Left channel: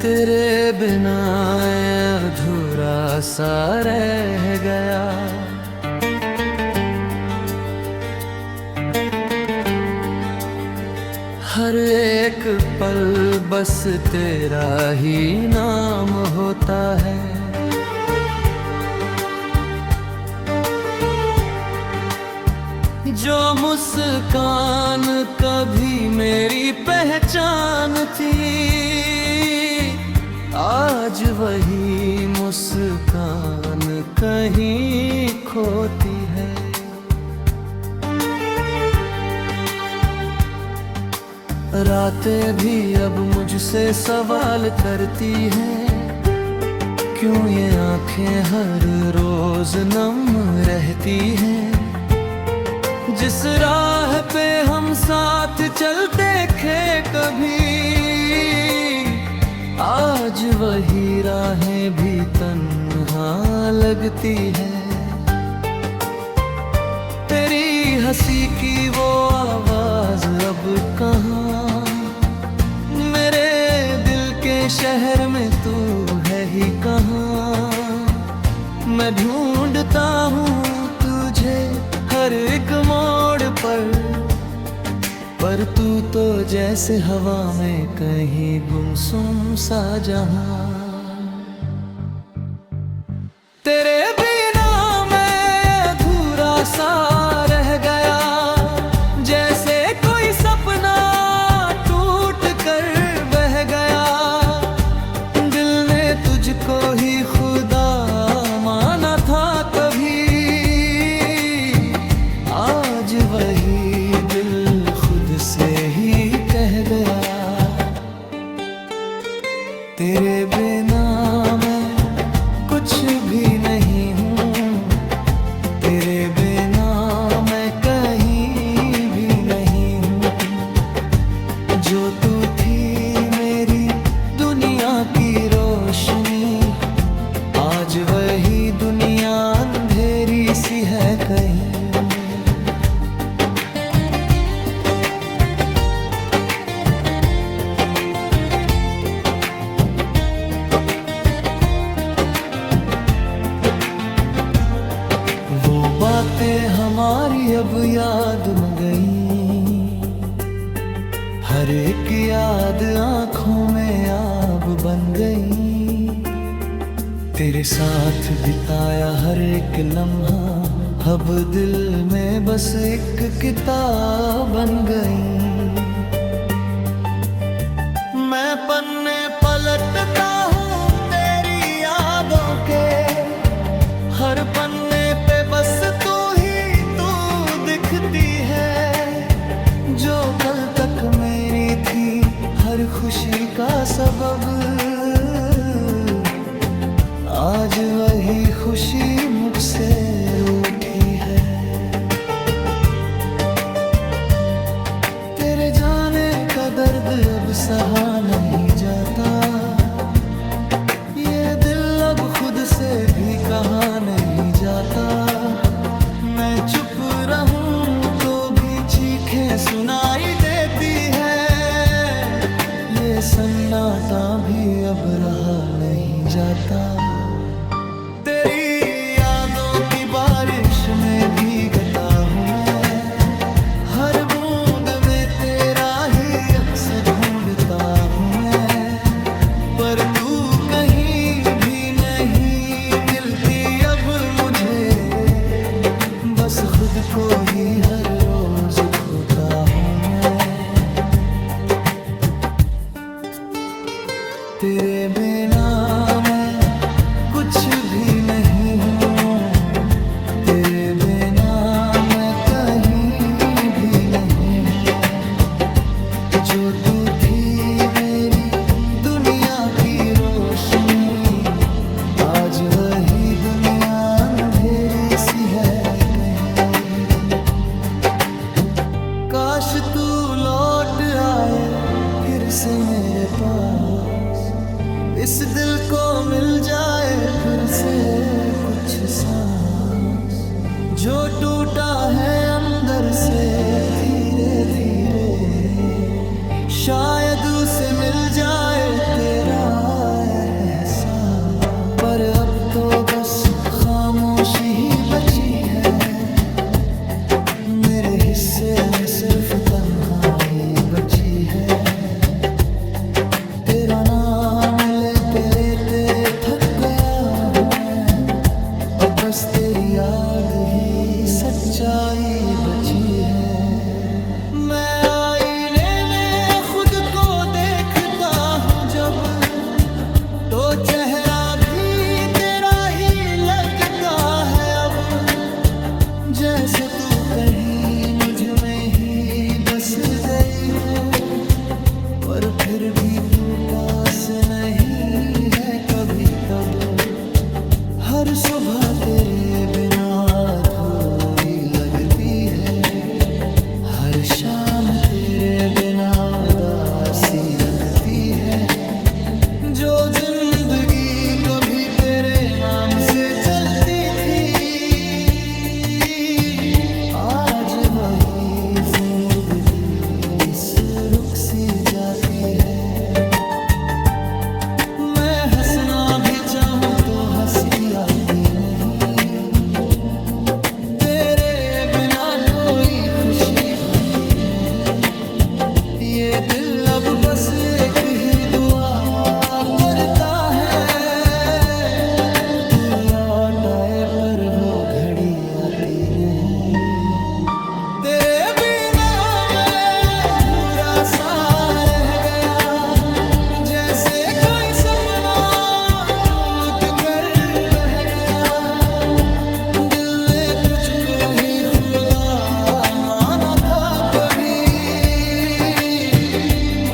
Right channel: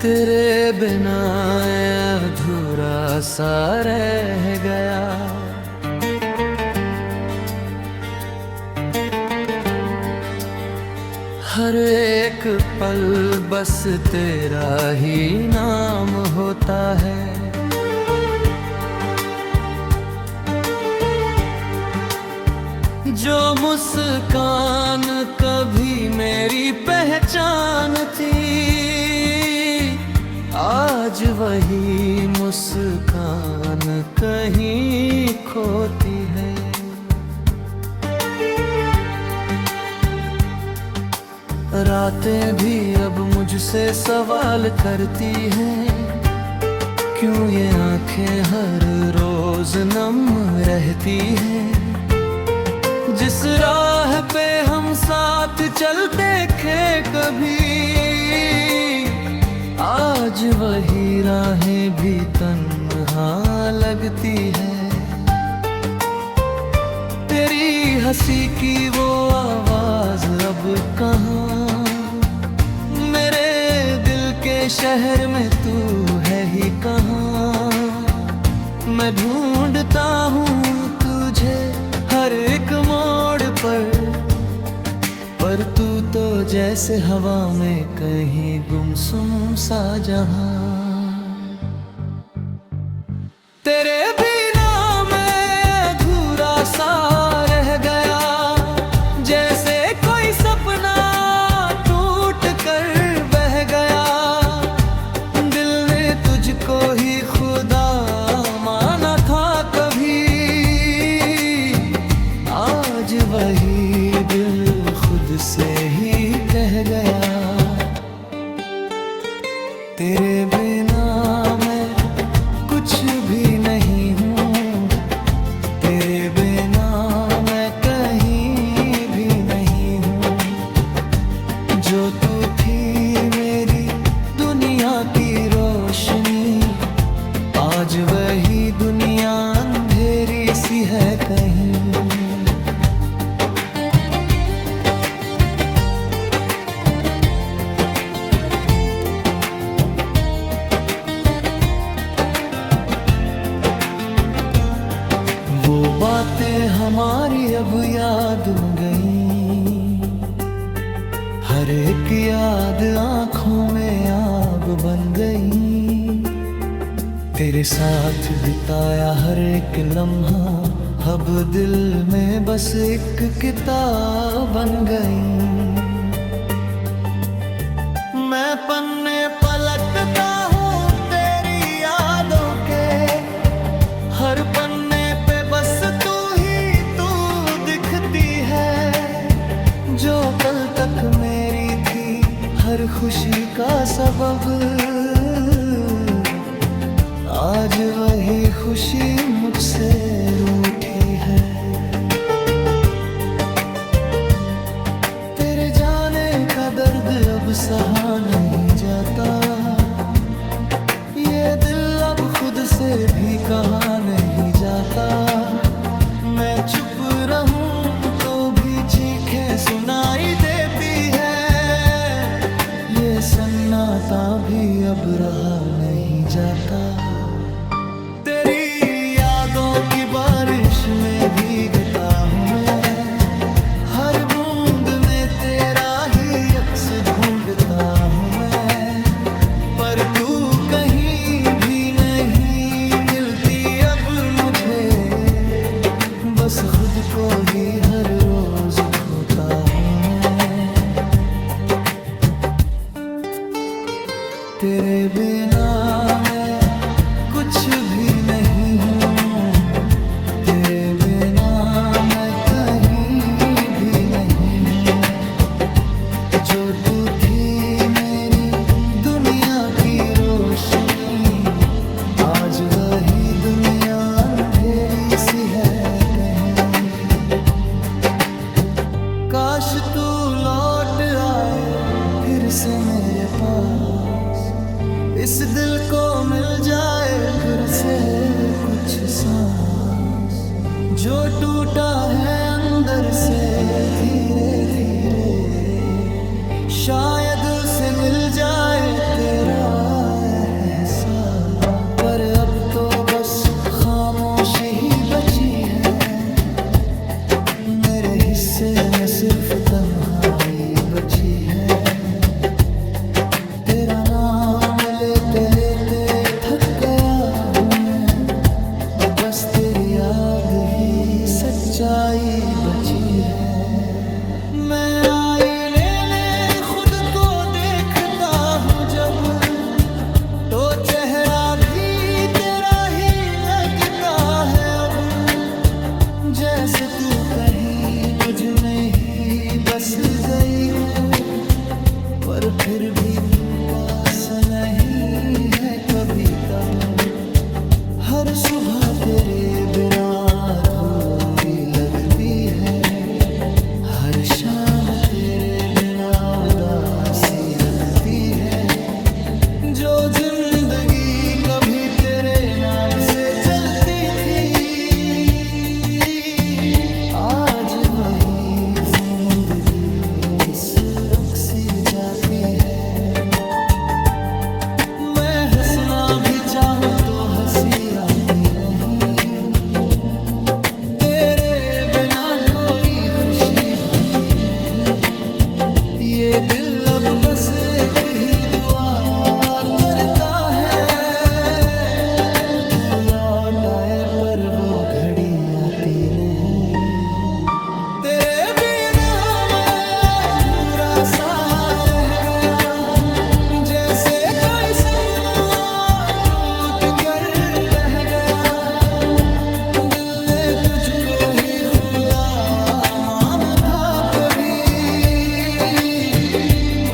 तेरे बिना अधूरा सा रह गया। हर एक पल बस तेरा ही नाम होता है। जो मुस्कान कभी मेरी पहचान थी, आज वही मुस्कान कहीं खोती है। रातें भी अब मुझसे सवाल करती हैं, क्यों ये आंखें हर रोज नम रहती हैं। जिस राह पे हम साथ चलते थे कभी, आज वही राहें भी तन्हा लगती है। तेरी हंसी की वो आवाज अब कहाँ, मेरे दिल के शहर में तू है ही कहाँ। मैं ढूंढता हूँ तुझे हर एक मोड़ पर तू तो जैसे हवा में कहीं गुमसुम सा जहां। तेरे बिना मैं अधूरा सा रह गया, जैसे कोई सपना टूट कर बह गया। दिल ने तुझको ही खुदा माना था कभी, आज वही दिल खुद से ही कह गया। तेरे बिना मैं कुछ भी नहीं हूँ, तेरे बिना मैं कहीं भी नहीं हूँ। जो तू थी मेरी दुनिया की रोशनी, आज वही दुनिया अंधेरी सी है कहीं। वो बातें हमारी अब याद में गई, हर एक याद आंखों में आब बन गई। तेरे साथ बिताया हर एक लम्हा अब दिल में बस एक किताब बन गई। मैं पन्ने पलटता हूँ तेरी यादों के, हर पन्ने पे बस तू ही तू दिखती है। जो कल तक मेरी थी हर खुशी का सबब, आज वही खुशी मुझसे रूठी है। तेरे जाने का दर्द अब सहा नहीं जाता, ये दिल अब खुद से भी कहा नहीं जाता। मैं चुप रहूं तो भी चीखें सुनाई देती है, ये सन्नाटा भी अब रहा नहीं जाता। तेरी यादों की बारिश में भीगता हूँ मैं, हर बूंद में तेरा ही अक्स ढूंढता हूँ मैं। पर तू कहीं भी नहीं मिलती अब मुझे, बस खुद को ही हर रोज खोता हूँ मैं। तेरे बिना मैं कुछ भी नहीं हूँ, तेरे बिना मैं कहीं भी नहीं हूँ। जो तू थी मेरी दुनिया की रोशनी, आज वही दुनिया अंधेरी सी है कहीं। काश तू लौट आए फिर से मेरे पास, इस दिल को मिल जाए फिर से कुछ सांस। जो टूटा है अंदर से धीरे धीरे, शायद उसे मिल जाए तेरा एहसास, पर अब तो बस खामोशी ही बची है। मेरे हिस्से में सिर्फ तन्हाई बची है। तेरा नाम लेते लेते थक गया हूँ मैं, अब बस तेरी याद ही सच्चाई बची है। मैं आईने में खुद को देखता हूँ जब, तो चेहरा भी तेरा ही लगता है अब। जैसे तू कहीं मुझ में ही बस गई हो, पर फिर भी तू पास नहीं है कभी तब। हर सुबह तेरे बिना अधूरी लगती है, हर शाम तेरे बिना उदासी रखती है। जो जिंदगी कभी तेरे नाम से चलती थी, आज वही जिंदगी इस रुख सी जाती है। मैं हंसना भी चाहूं तो हंसी आती नहीं, तेरे बिना कोई खुशी भाती नहीं। ये दिल अब बस एक ही दुआ करता है, तू लौट आए, पर वो घड़ी आती नहीं। तेरे बिना मैं अधूरा सा रह गया, जैसे कोई सपना टूट कर बह गया। दिल ने तुझको ही खुदा माना था कभी,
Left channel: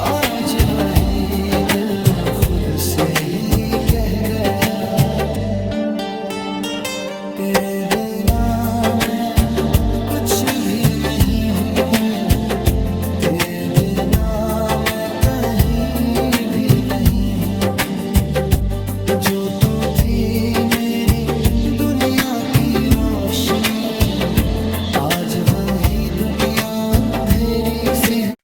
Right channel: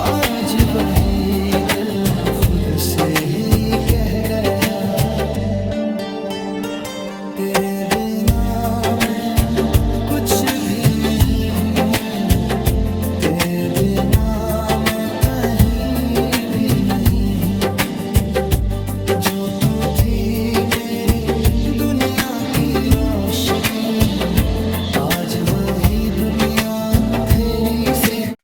आज वही दिल खुद से ही कह गया। तेरे बिना मैं कुछ भी नहीं हूँ, तेरे बिना मैं कहीं भी नहीं हूँ। जो तू थी मेरी दुनिया की रोशनी, आज वही दुनिया अंधेरी सी है।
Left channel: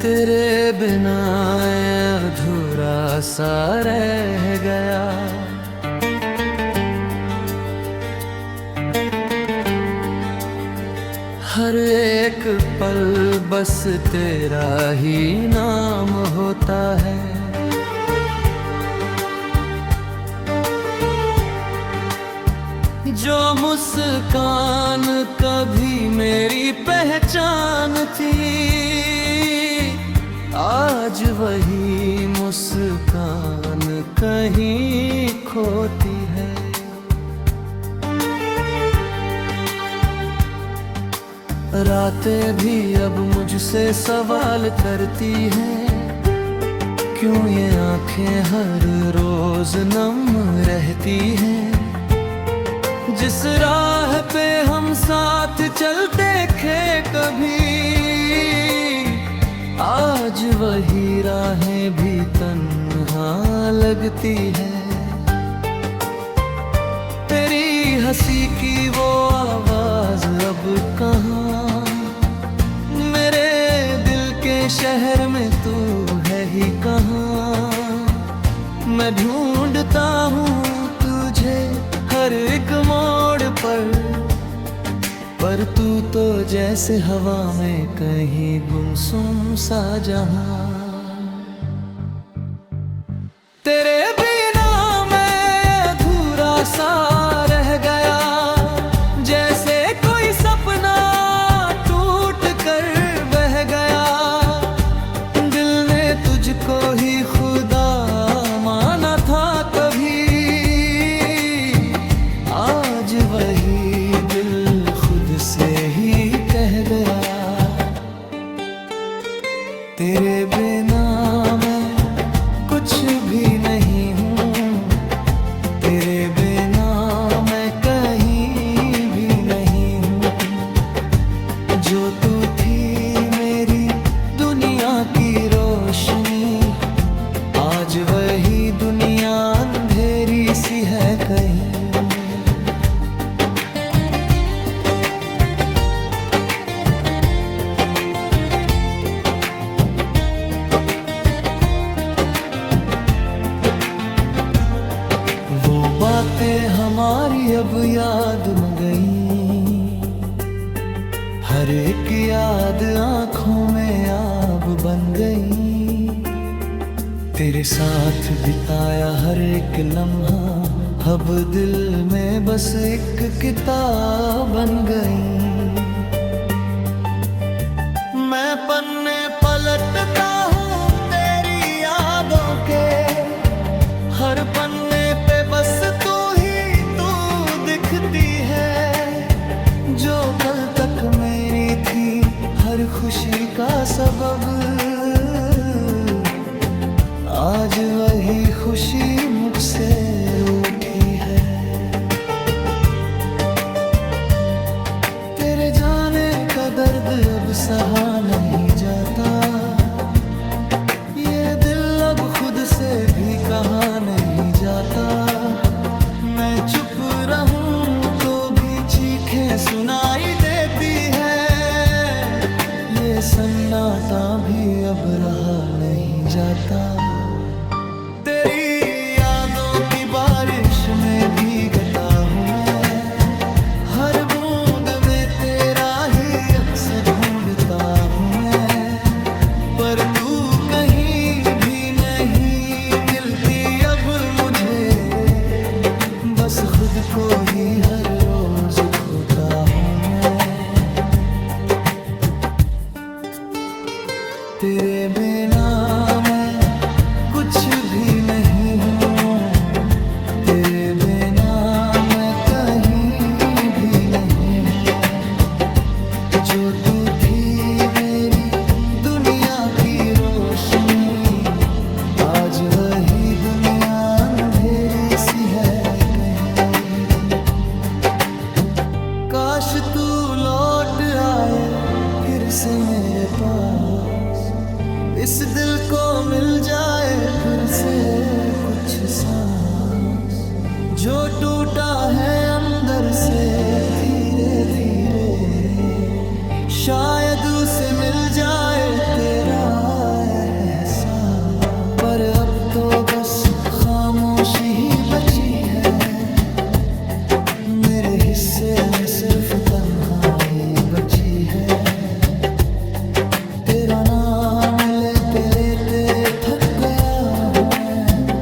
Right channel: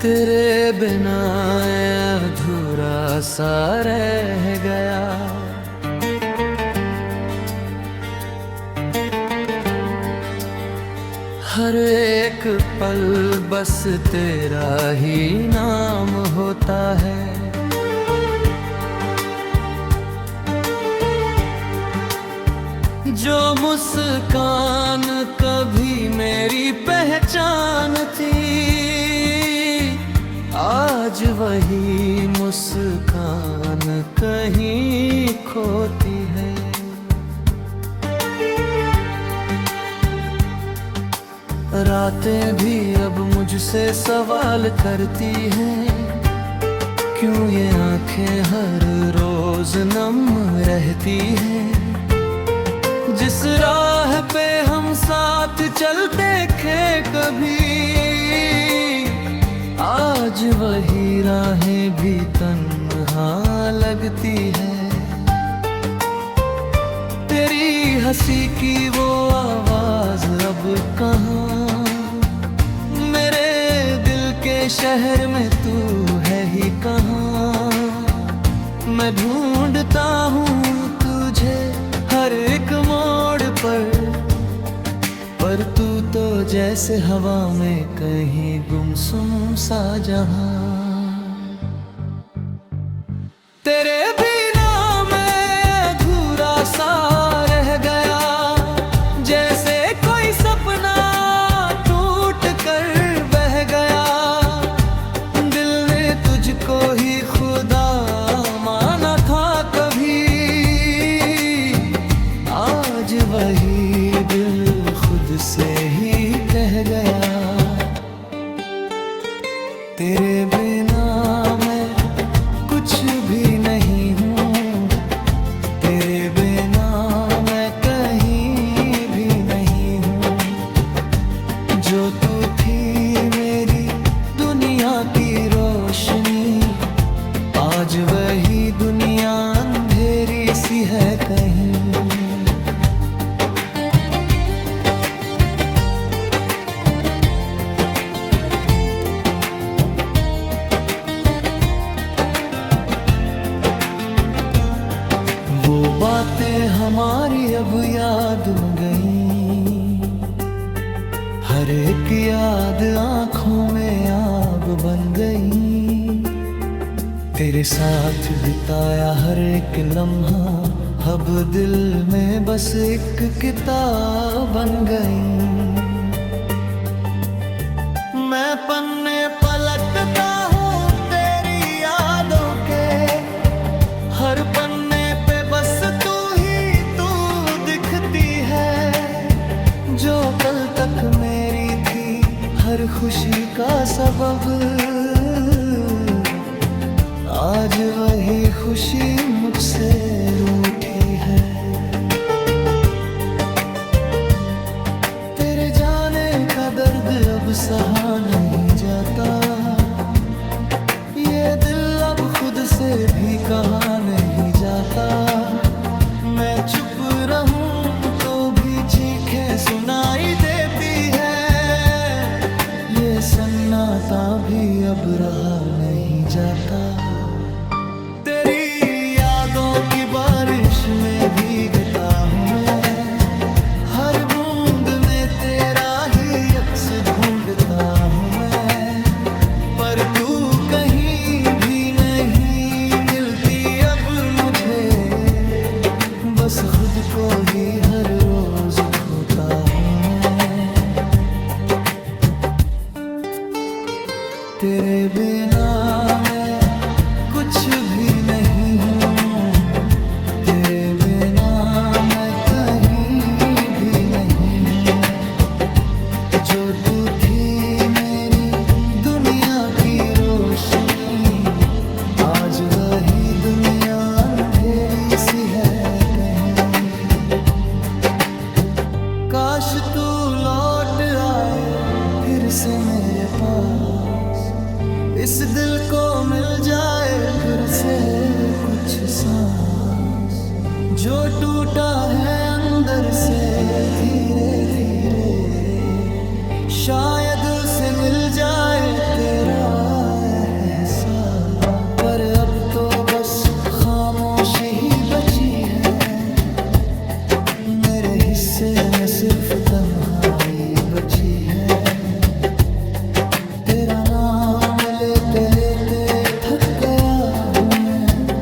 तेरे बिना अधूरा सा रह गया, हर एक पल बस तेरा ही नाम होता है। जो मुस्कान कभी मेरी पहचान थी, आज वही मुस्कान कहीं खोती है। रातें भी अब मुझसे सवाल करती हैं, क्यों ये आंखें हर रोज नम रहती हैं। जिस राह पे हम साथ चलते थे कभी, आज वही राहें भी तन्हा लगती है। तेरी हंसी की वो आवाज अब कहाँ, मेरे दिल के शहर में तू है ही कहाँ। मैं ढूंढता हूँ तुझे हर एक मोड़ पर तू तो जैसे हवा में कहीं गुमसुम सा जहां। तेरे बिना मैं अधूरा सा रह गया, जैसे कोई सपना टूट कर बह गया। दिल ने तुझको ही खुदा माना था कभी, आज वही दिल खुद से ही कह गया। तेरे बिना मैं कुछ भी नहीं हूँ, तेरे बिना मैं कहीं भी नहीं हूँ। जो तू थी मेरी दुनिया की रोशनी, आज वही दुनिया अंधेरी सी है कहीं। वो बातें हमारी अब याद में गई, हर एक याद आंखों में आब बन गई। तेरे साथ बिताया हर एक लम्हा अब दिल में बस एक किताब बन गई। मैं पन्ने पलटता हूँ तेरी यादों के, हर पन्ने पे बस तू ही तू दिखती है। जो कल तक मेरी थी हर खुशी का सबब, आज वही खुशी मुझसे रूठी है। तेरे जाने का दर्द अब सहा नहीं जाता, ये दिल अब खुद से भी कहा नहीं जाता। मैं चुप रहूं तो भी चीखें सुनाई देती है, ये सन्नाटा भी अब रहा नहीं जाता। तेरी यादों की बारिश में भीगता हूँ मैं, हर बूंद में तेरा ही अक्स ढूंढता हूँ मैं। पर तू कहीं भी नहीं मिलती अब मुझे, बस खुद को ही हर रोज खोता हूँ मैं। तेरे बिना मैं कुछ भी नहीं हूँ, तेरे बिना मैं कहीं भी नहीं हूँ। जो तू थी मेरी दुनिया की रोशनी, आज वही दुनिया अंधेरी सी है कहीं। काश तू लौट आए फिर से मेरे पास, इस दिल को मिल जाए फिर से कुछ सांस। जो टूटा है अंदर से धीरे धीरे, शायद उसे मिल जाए तेरा एहसास। पर अब तो बस खामोशी ही बची है, मेरे हिस्से में सिर्फ तन्हाई बची है। तेरा नाम लेते लेते थक गया हूँ मैं,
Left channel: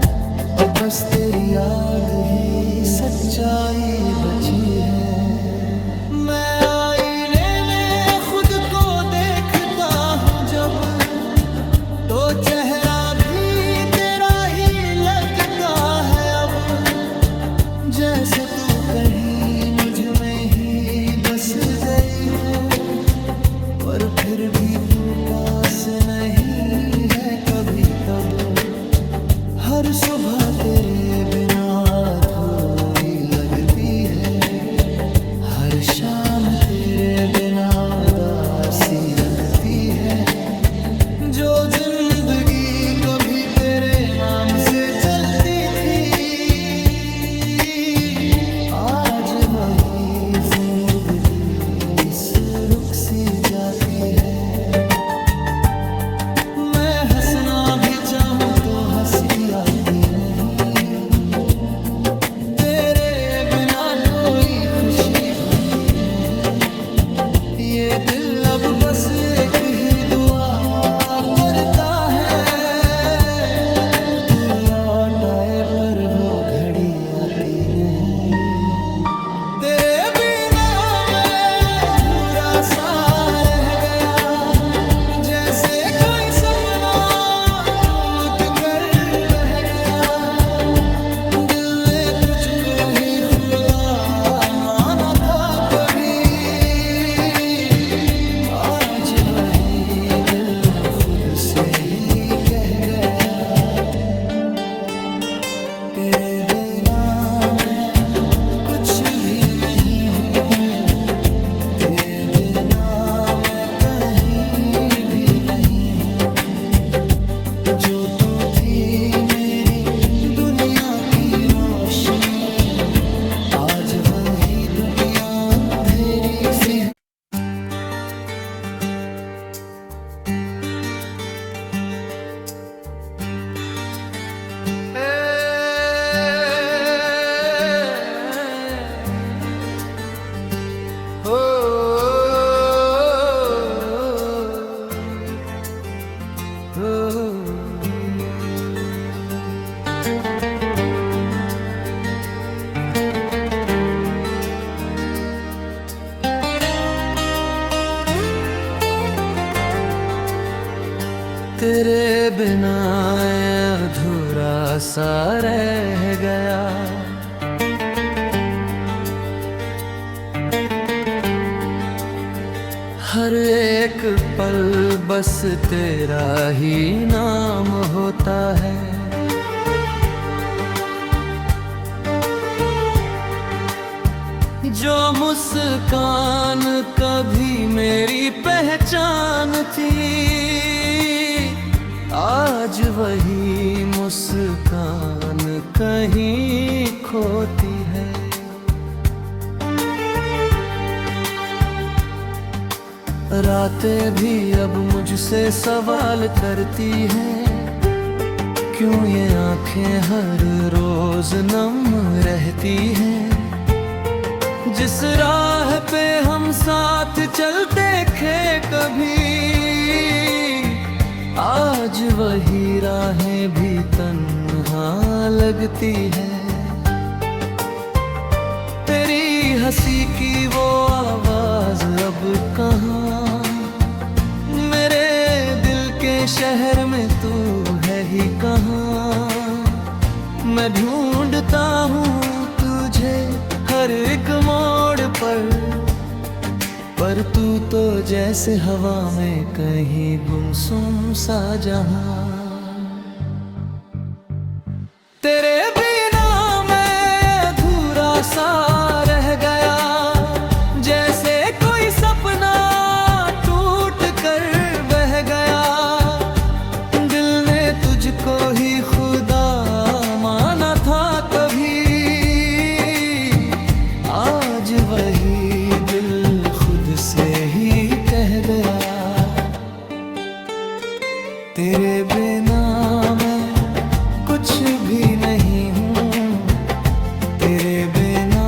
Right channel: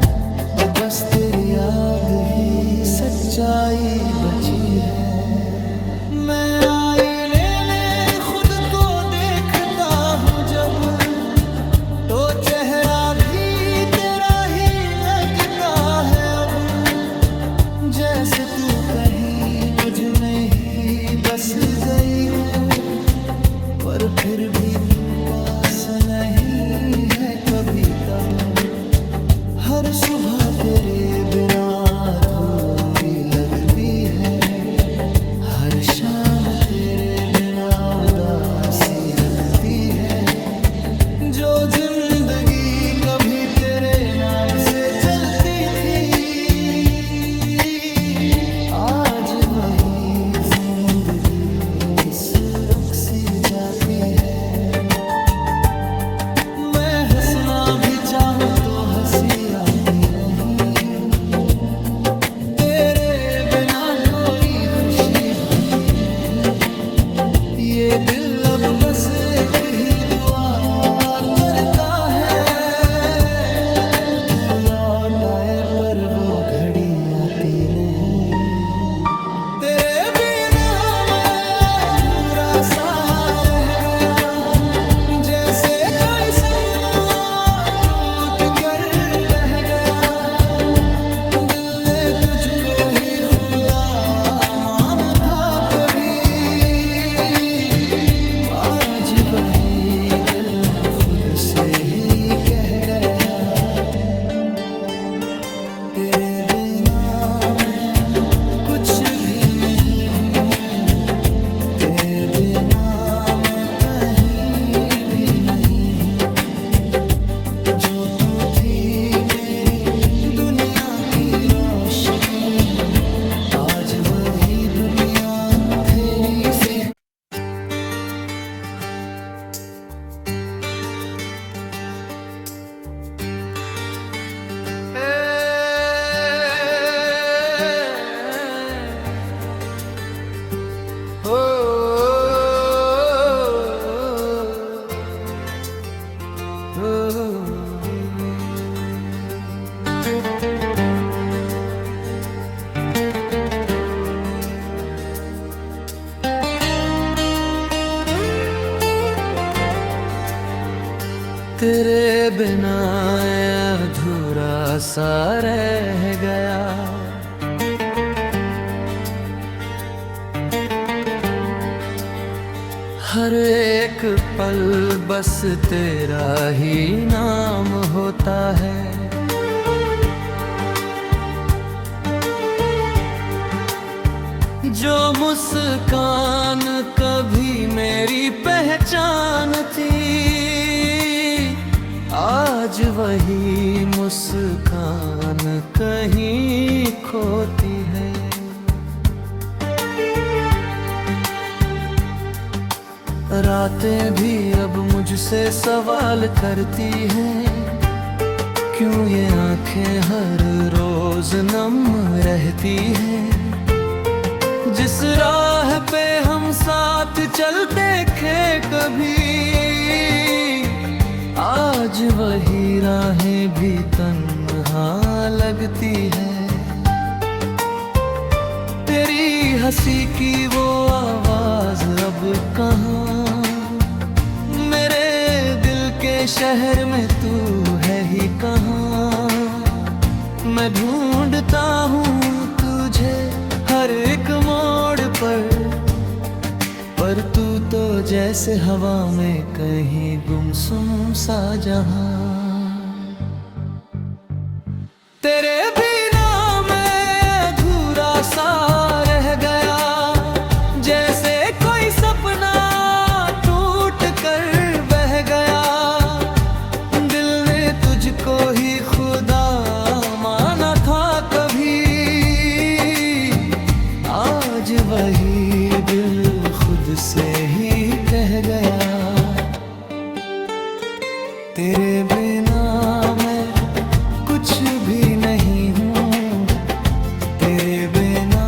अब बस तेरी याद ही सच्चाई बची है। मैं आईने में खुद को देखता हूँ जब, तो चेहरा भी तेरा ही लगता है अब। जैसे तू कहीं मुझ में ही बस गई हो, पर फिर भी तू पास नहीं है कभी तब। हर सुबह तेरे बिना अधूरी लगती है, हर शाम तेरे बिना उदासी रखती है। जो जिंदगी कभी तेरे नाम से चलती थी, आज वही जिंदगी इस रुख सी जाती है। मैं हंसना भी चाहूं तो हंसी आती नहीं, तेरे बिना कोई खुशी भाती नहीं। ये दिल अब बस एक ही दुआ करता है, तू लौट आए पर वो घड़ी आती नहीं। तेरे बिना मैं अधूरा सा रह गया, जैसे कोई सपना टूट कर बह गया। दिल ने तुझको ही खुदा माना था कभी, आज वही दिल खुद से ही कह गया, तेरे बिना मैं कुछ भी नहीं हूँ, तेरे बिना मैं कहीं भी नहीं हूँ। जो तू थी मेरी दुनिया की रोशनी, आज वही दुनिया अंधेरी सी है। तेरे बिना अधूरा सा रह गया, हर एक पल बस तेरा ही नाम होता है। जो मुस्कान कभी मेरी पहचान थी, आज वही मुस्कान कहीं खोती है। रातें भी अब मुझसे सवाल करती हैं, क्यों ये आंखें हर रोज नम रहती हैं। जिस राह पे हम साथ चलते थे कभी, आज वही राहें भी तन्हा लगती है। तेरी हंसी की वो आवाज अब कहाँ, मेरे दिल के शहर में तू है ही कहाँ। मैं ढूंढता हूँ तुझे हर एक मोड़ पर तू तो जैसे हवा में कहीं गुमसुम सा जहां। तेरे बिना मैं अधूरा सा रह गया, जैसे कोई सपना टूट कर बह गया। दिल ने तुझको ही खुदा माना था कभी, आज वही दिल खुद से ही कह गया। तेरे बिना मैं कुछ भी नहीं हूँ, तेरे बिना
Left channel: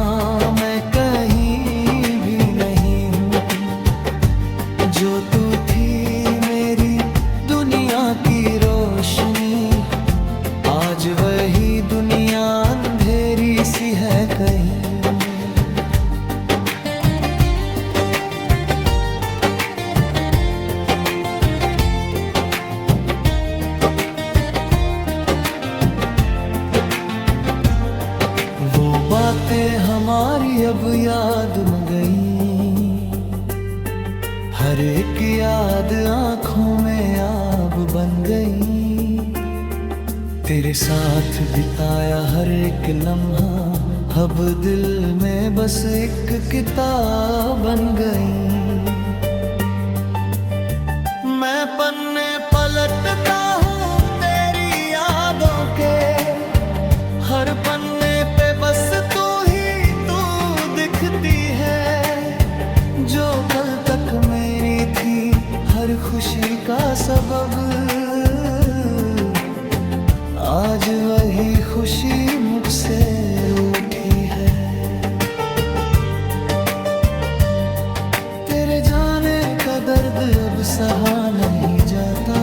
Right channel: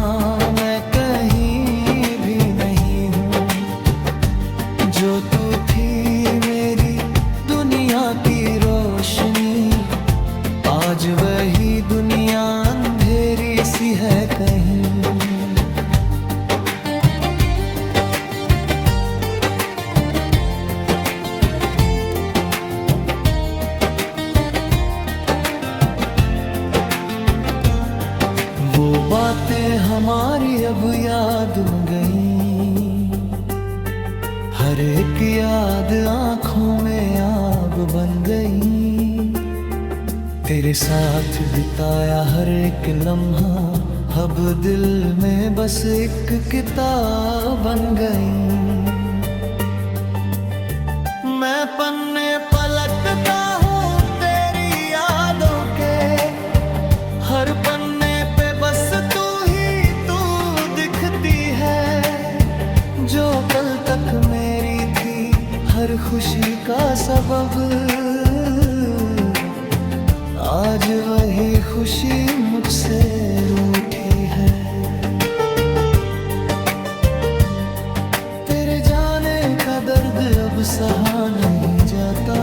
मैं कहीं भी नहीं हूँ। जो तू थी मेरी दुनिया की रोशनी, आज वही दुनिया अंधेरी सी है कहीं। वो बातें हमारी अब याद में गई, हर एक याद आंखों में आब बन गई। तेरे साथ बिताया हर एक लम्हा अब दिल में बस एक किताब बन गई। मैं पन्ने पलटता हूँ तेरी यादों के, हर पन्ने पे बस तू ही तू दिखती है। जो कल तक मेरी थी हर खुशी का सबब, आज वही खुशी मुझसे रूठी है। तेरे जाने का दर्द अब सहा नहीं जाता,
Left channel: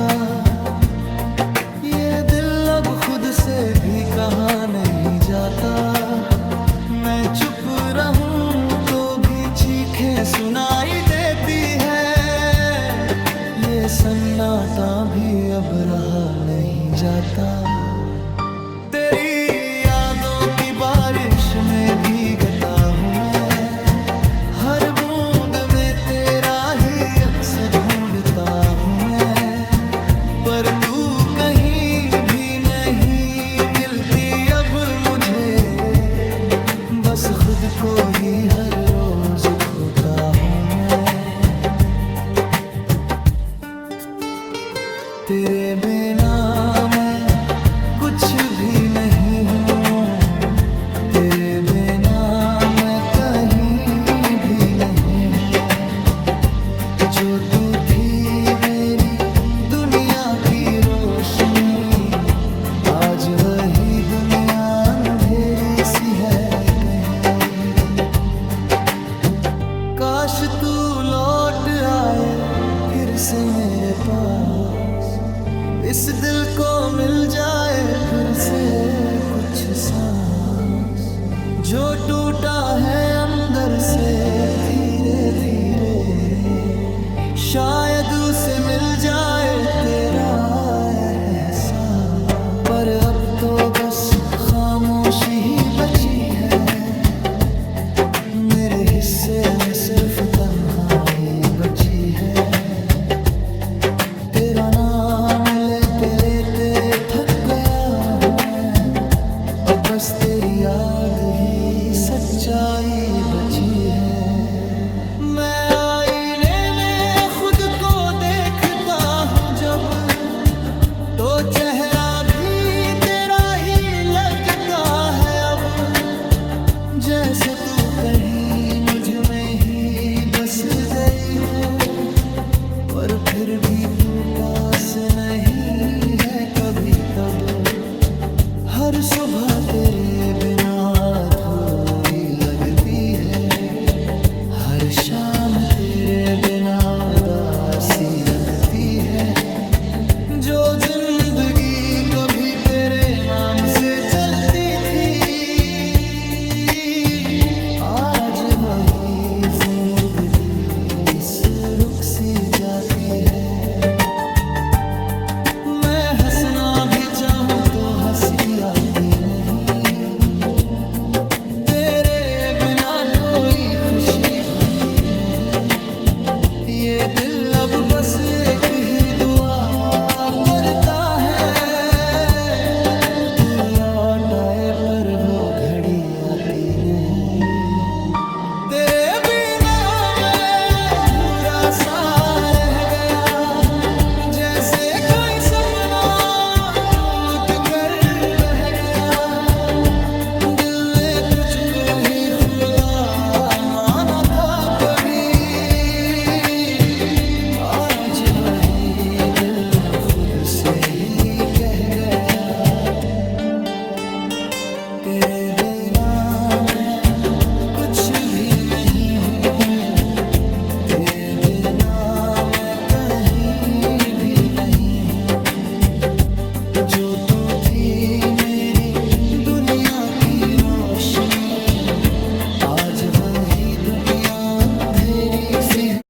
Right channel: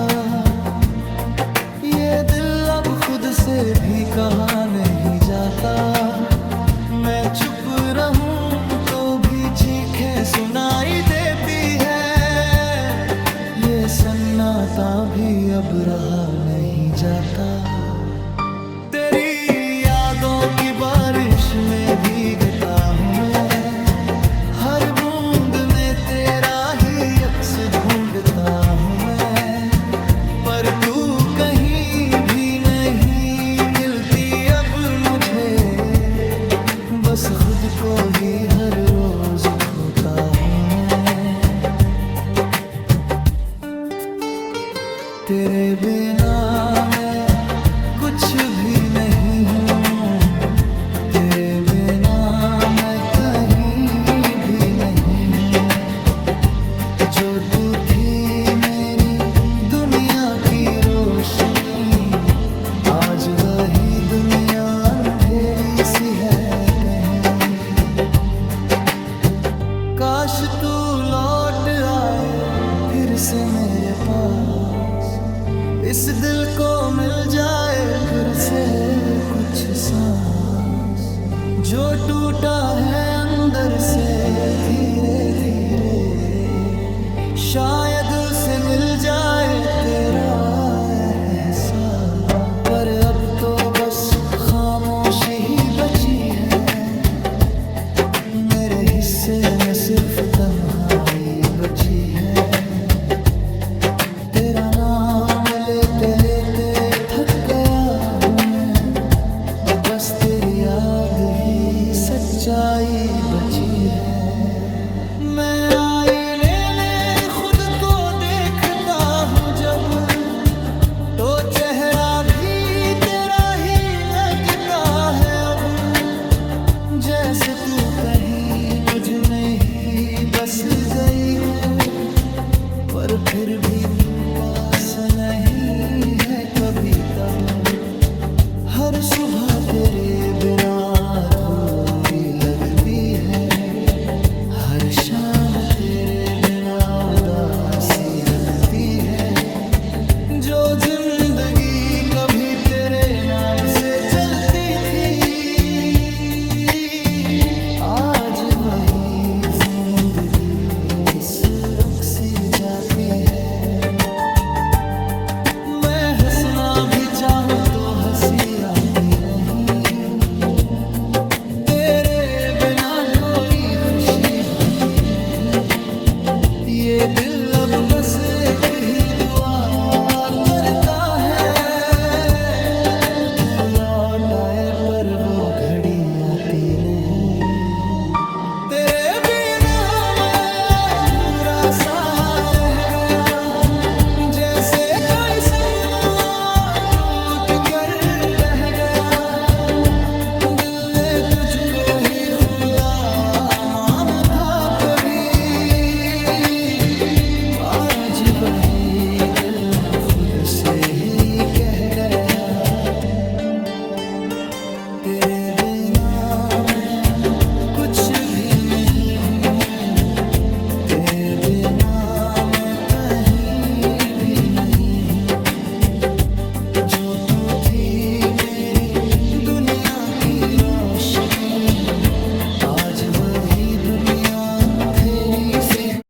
ये दिल अब खुद से भी कहा नहीं जाता। मैं चुप रहूं तो भी चीखें सुनाई देती है, ये सन्नाटा भी अब रहा नहीं जाता। तेरी यादों की बारिश में भीगता हूँ मैं, हर बूंद में तेरा ही अक्स ढूंढता हूँ मैं, पर तू कहीं भी नहीं मिलती अब मुझे। बस खुद को ही हर रोज खोता हूँ मैं। तेरे बिना मैं कुछ भी नहीं हूँ, तेरे बिना मैं कहीं भी नहीं हूँ। जो तू थी मेरी दुनिया की रोशनी, आज वही दुनिया अंधेरी सी है कहीं। काश तू लौट आए फिर से मेरे पास, इस दिल को मिल जाए फिर से कुछ सांस। जो टूटा है अंदर से धीरे धीरे, शायद उसे मिल जाए तेरा एहसास। पर अब तो बस खामोशी ही बची है, मेरे हिस्से में सिर्फ तन्हाई बची है। तेरा नाम लेते लेते थक गया हूँ मैं, अब बस तेरी याद ही सच्चाई बची है। मैं आईने में खुद को देखता हूँ जब, तो चेहरा भी तेरा ही लगता है अब। जैसे तू कहीं मुझ में ही बस गई हो, पर फिर भी तू पास नहीं है कभी तब। हर सुबह तेरे बिना अधूरी लगती है, हर शाम तेरे बिना उदासी रखती है। जो जिंदगी कभी तेरे नाम से चलती थी, आज वही जिंदगी इस रुख सी जाती है। मैं हंसना भी चाहूं तो हंसी आती नहीं, तेरे बिना कोई खुशी भाती नहीं। ये दिल अब बस एक ही दुआ करता है, तू लौट आए पर वो घड़ी आती नहीं। तेरे बिना मैं अधूरा सा रह गया, जैसे कोई सपना टूट कर बह गया। दिल ने तुझको ही खुदा माना था कभी, आज वही दिल खुद से ही कह गया। तेरे बिना मैं कुछ भी नहीं हूँ, तेरे बिना